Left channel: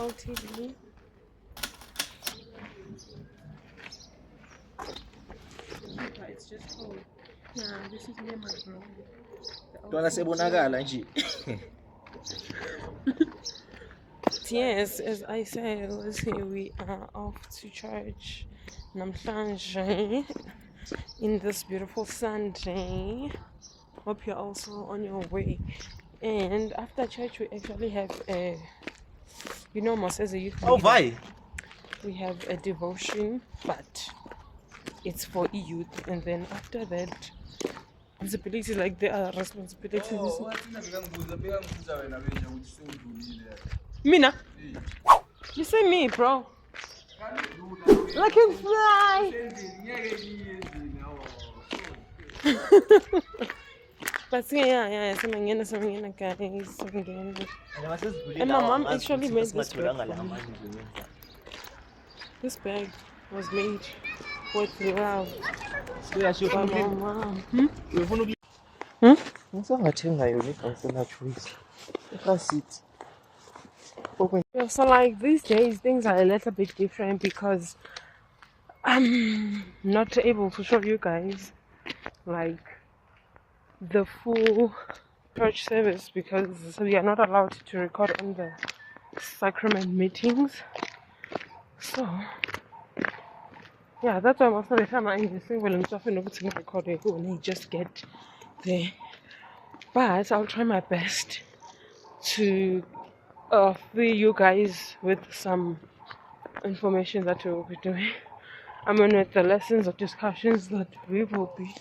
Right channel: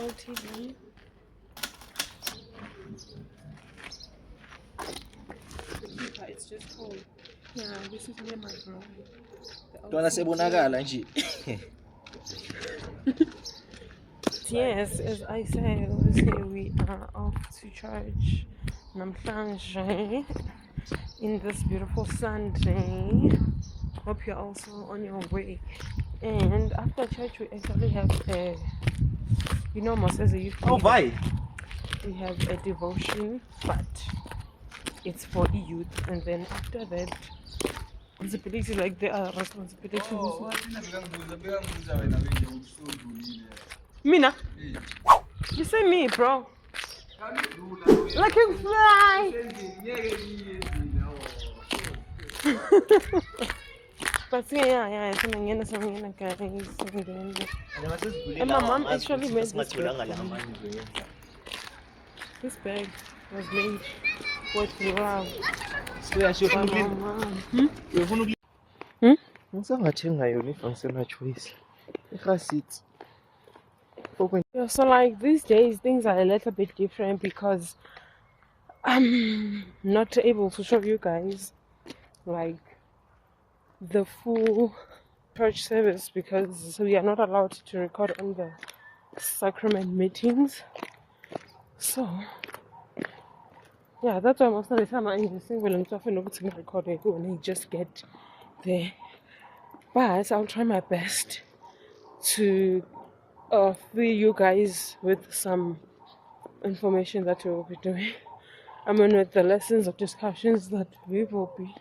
LTD. It's just cold. Yeah, this is near my bro. Yes, as I said, here we are off to church Namhlanje in this beautiful Sunday. Hope you're also on your way. And after church, we actually have a, as a youth. Oh, bye. We have a devotion, but it's for youth. And then after that, responsibility, like there are responsibilities. Mina, you say me, bro. Like you fly. But yeah, so guys. And my mom actually made this bag. This bag was made with love by my mom. Yeah, so like these days things are a little bit different because I'm not able to show you guys like the full church service because we are not allowed to record on the sacrament meetings. So yeah, that's why most of the time I'm single and often not recording when you just get there. But I'll try my best to fill you guys with some information that we will be doing. I mean, with the lessons or discussions that we will be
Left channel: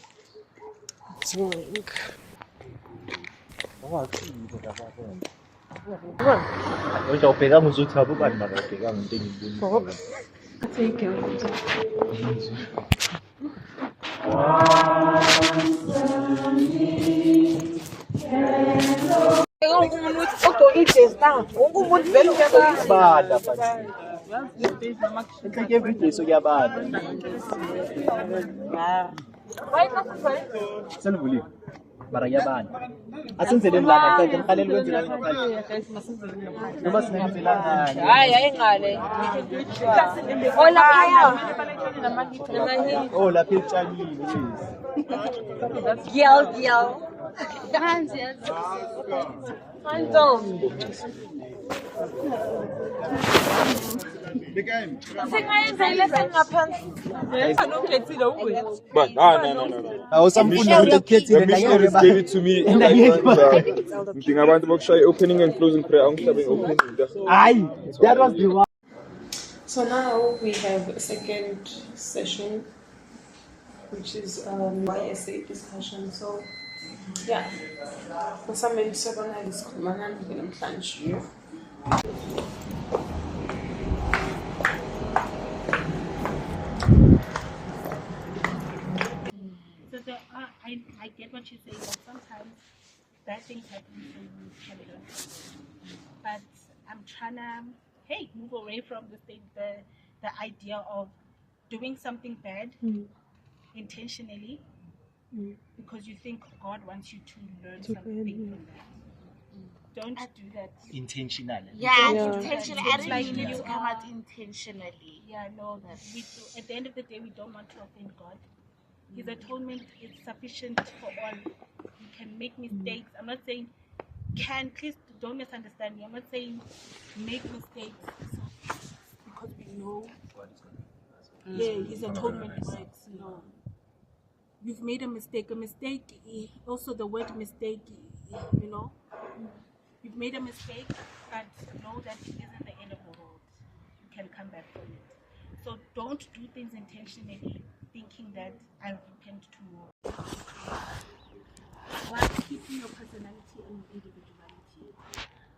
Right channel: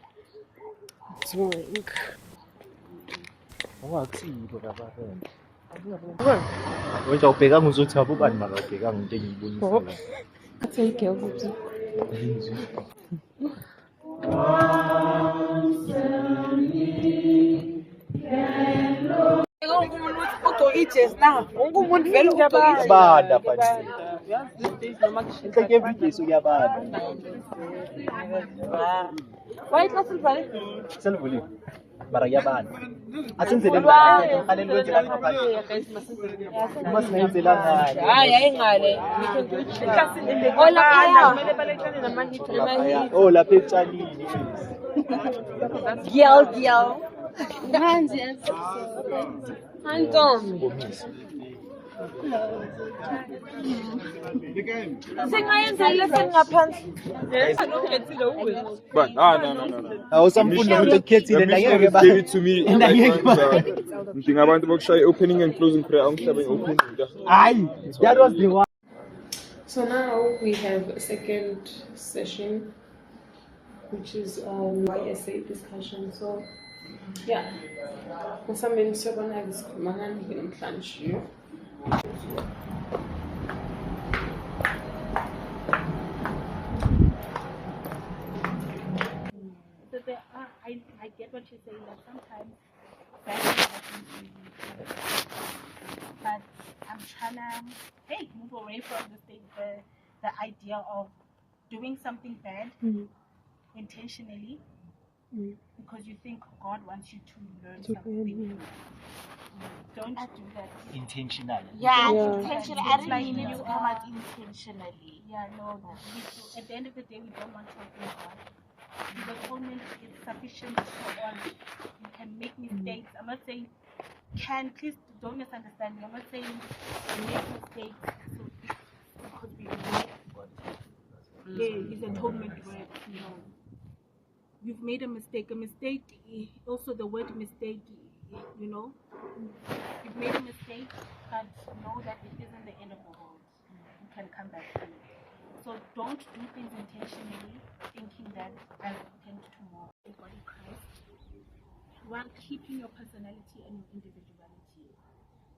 doing. Take care. But no. Let me get it to me. I want to say opening and closing prayer. That was the one. So now we have a second session, which is my essay discussion. So yeah, for some minutes I'm gonna discuss. I get what you're saying, but sometimes bad things happen to you. But I'm trying to move away from the idea of doing something bad intentionally because you think God wants you to learn something. Don't do that. Intentionally. Intentionally. I didn't mean to come out intentionally. Yeah, no. At the end of the day, we don't want to offend God. His atonement is sufficient for all. You can make mistakes. I'm not saying please don't misunderstand me. I'm not saying make mistakes because we make his atonement works. You've made a mistake. A mistake, also the word mistake, you've made a mistake, but know that it isn't the end of the world. You can come back from it. So don't do things intentionally thinking that I'll repent tomorrow. While keeping your personality and your individuality.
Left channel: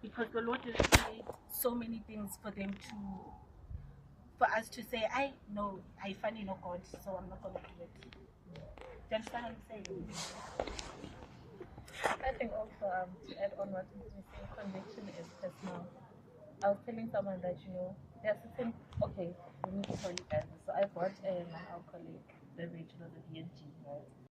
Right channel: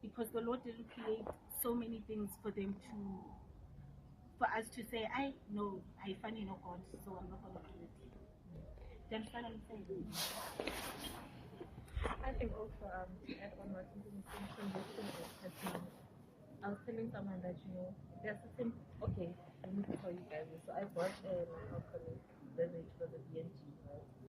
Because the Lord didn't create so many things for us to say, I finally know God, so I'm not gonna do it. Do you understand what I'm saying? I think also to add on what is missing, conviction is personal. I was telling someone that there's certain let me tell you guys this. So I bought an alcoholic beverage for the BNG, right?